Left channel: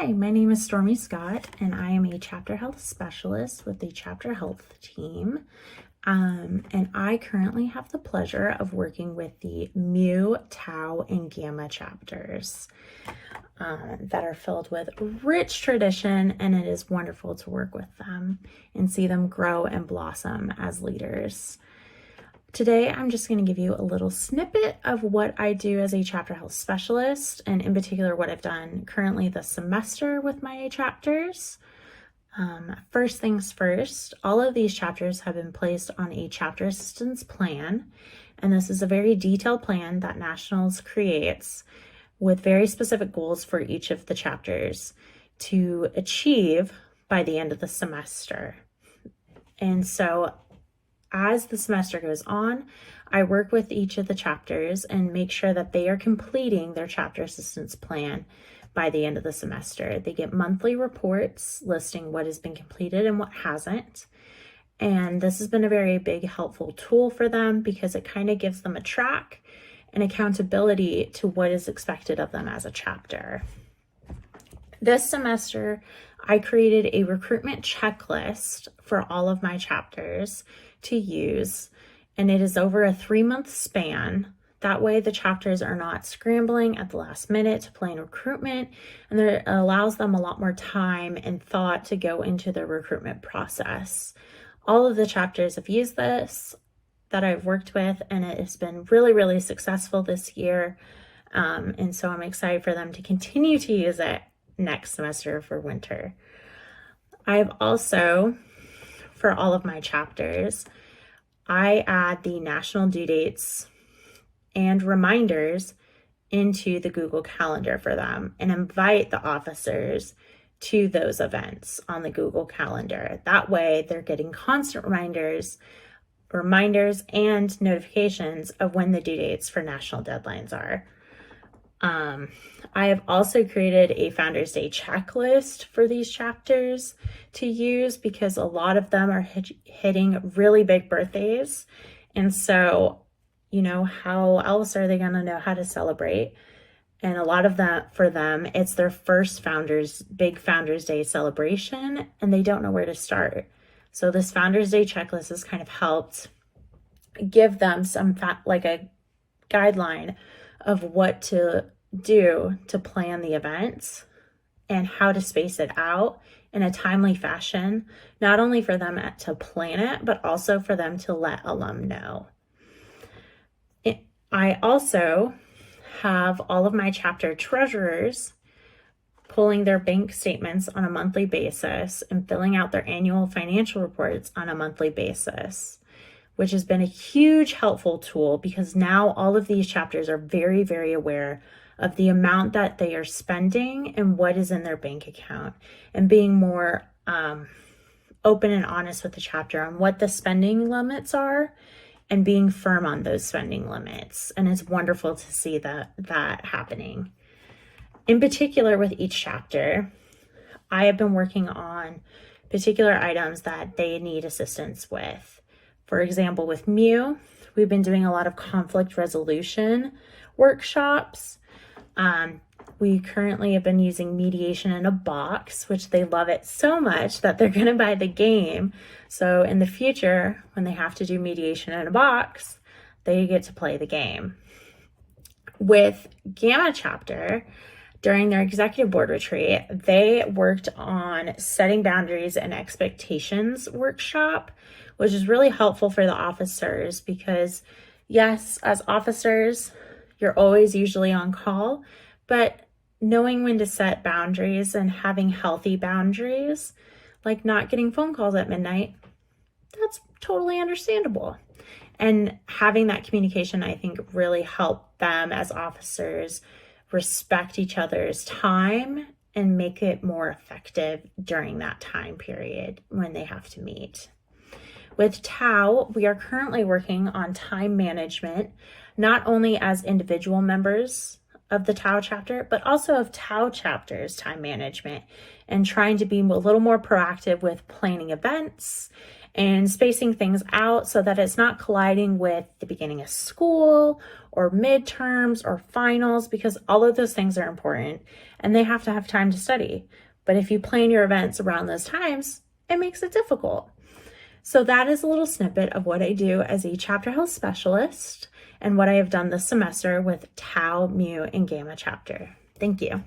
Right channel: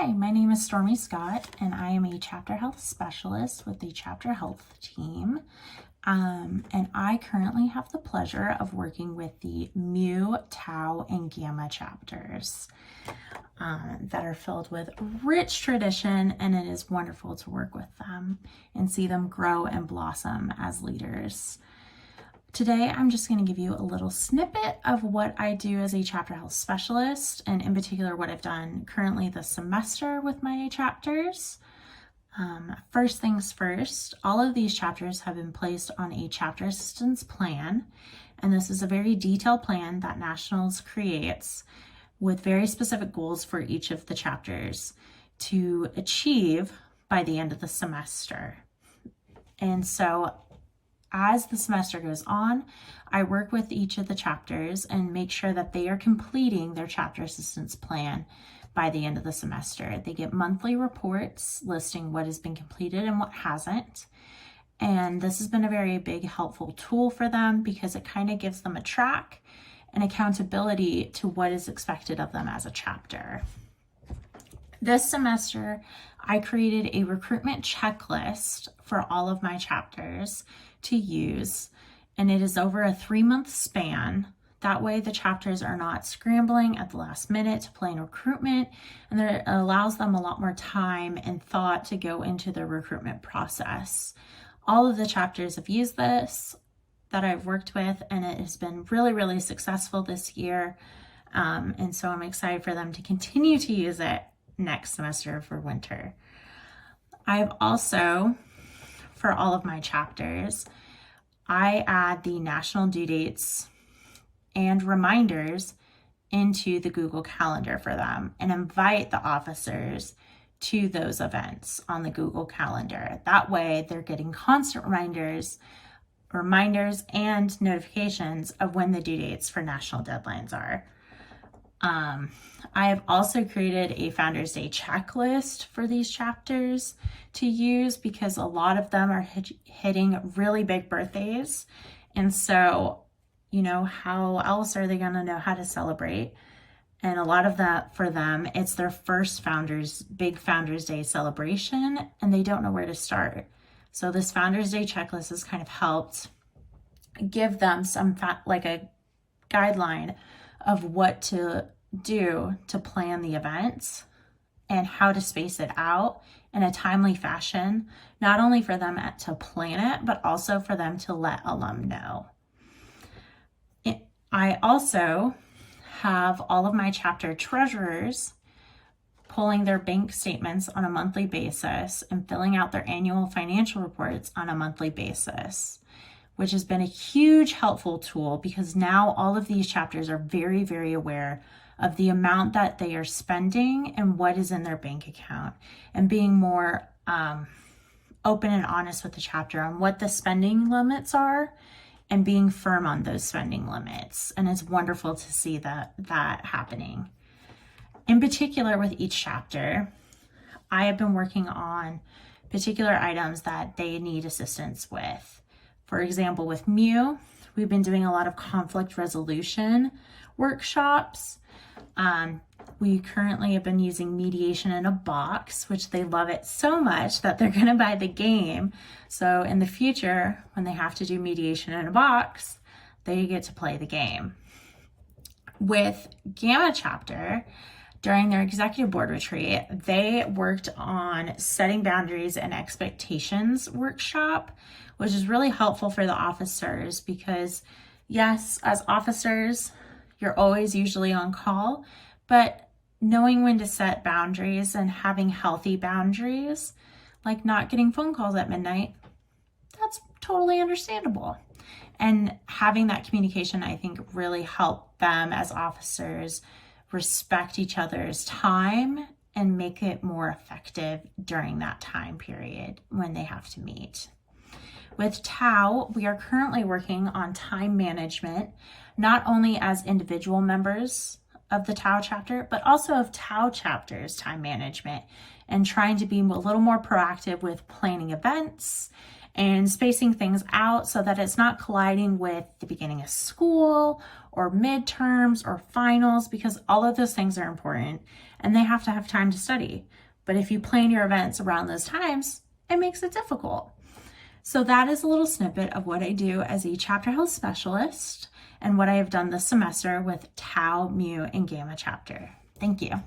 Hi, my name is Stormy Scott, and I am a chapter health specialist with the chapter health team. And I currently have the pleasure of working with the Mu, Tau, and Gamma chapters that are filled with rich tradition, and it is wonderful to work with them and see them grow and blossom as leaders. Today, I'm just going to give you a little snippet of what I do as a chapter health specialist, and in particular, what I've done currently this semester with my chapters. First things first, all of these chapters have been placed on a chapter assistance plan, and this is a very detailed plan that Nationals creates with very specific goals for each of the chapters to achieve by the end of the semester. And so as the semester goes on, I work with each of the chapters and make sure that they are completing their chapter assistance plan by the end of the semester. They get monthly reports listing what has been completed and what hasn't. And this has been a very big helpful tool for them because it kind of gives them a track and accountability to what is expected of them as a chapter. This semester, I created a recruitment checklist for all of my chapters to use, and it is over a 3-month span. That way the chapters are not scrambling at the last minute to plan recruitment, and it allows them a lot more time and thought to go into the recruitment process. All of the chapters have used this that I've worked with, and it has been really, really successful this year. And so I'm excited for them to continue to use it next semester for winter. I've also, for all of my chapters, I add the national due dates and reminders into the Google Calendar for them and invite the officers to those events on the Google Calendar. That way they're getting constant reminders and notifications of when the due dates for national deadlines are. I have also created a Founders Day checklist for these chapters to use because a lot of them are hitting really big birthdays. And so, how else are they going to know how to celebrate? And a lot of that for them, it's their first big Founders Day celebration, and they don't know where to start. So this Founders Day checklist has kind of helped give them like a guideline of what to do to plan the events and how to space it out in a timely fashion, not only for them to plan it, but also for them to let alum know. I also have all of my chapter treasurers pulling their bank statements on a monthly basis and filling out their annual financial reports on a monthly basis, which has been a huge helpful tool because now all of these chapters are very, very aware of the amount that they are spending and what is in their bank account, and being more open and honest with the chapter on what the spending limits are and being firm on those spending limits. And it's wonderful to see that happening. In particular, with each chapter, I have been working on particular items that they need assistance with. For example, with Mu, we've been doing a lot of conflict resolution workshops. We currently have been using mediation in a box, which they love it so much that they're going to buy the game. So in the future, when they have to do mediation in a box, they get to play the game. With Gamma chapter, during their executive board retreat, they worked on setting boundaries and expectations workshop, which is really helpful for the officers because, yes, as officers, you're always usually on call, but knowing when to set boundaries and having healthy boundaries, like not getting phone calls at midnight, that's totally understandable. And having that communication, I think, really helped them as officers respect each other's time and make it more effective during that time period when they have to meet. With Tau, we are currently working on time management, not only as individual members of the Tau chapter, but also of Tau chapters time management, and trying to be a little more proactive with planning events and spacing things out so that it's not colliding with the beginning of school or midterms or finals, because all of those things are important and they have to have time to study. But if you plan your events around those times, it makes it difficult. So that is a little snippet of what I do as a chapter health specialist and what I have done this semester with Tau, Mu, and Gamma chapter. Thank you.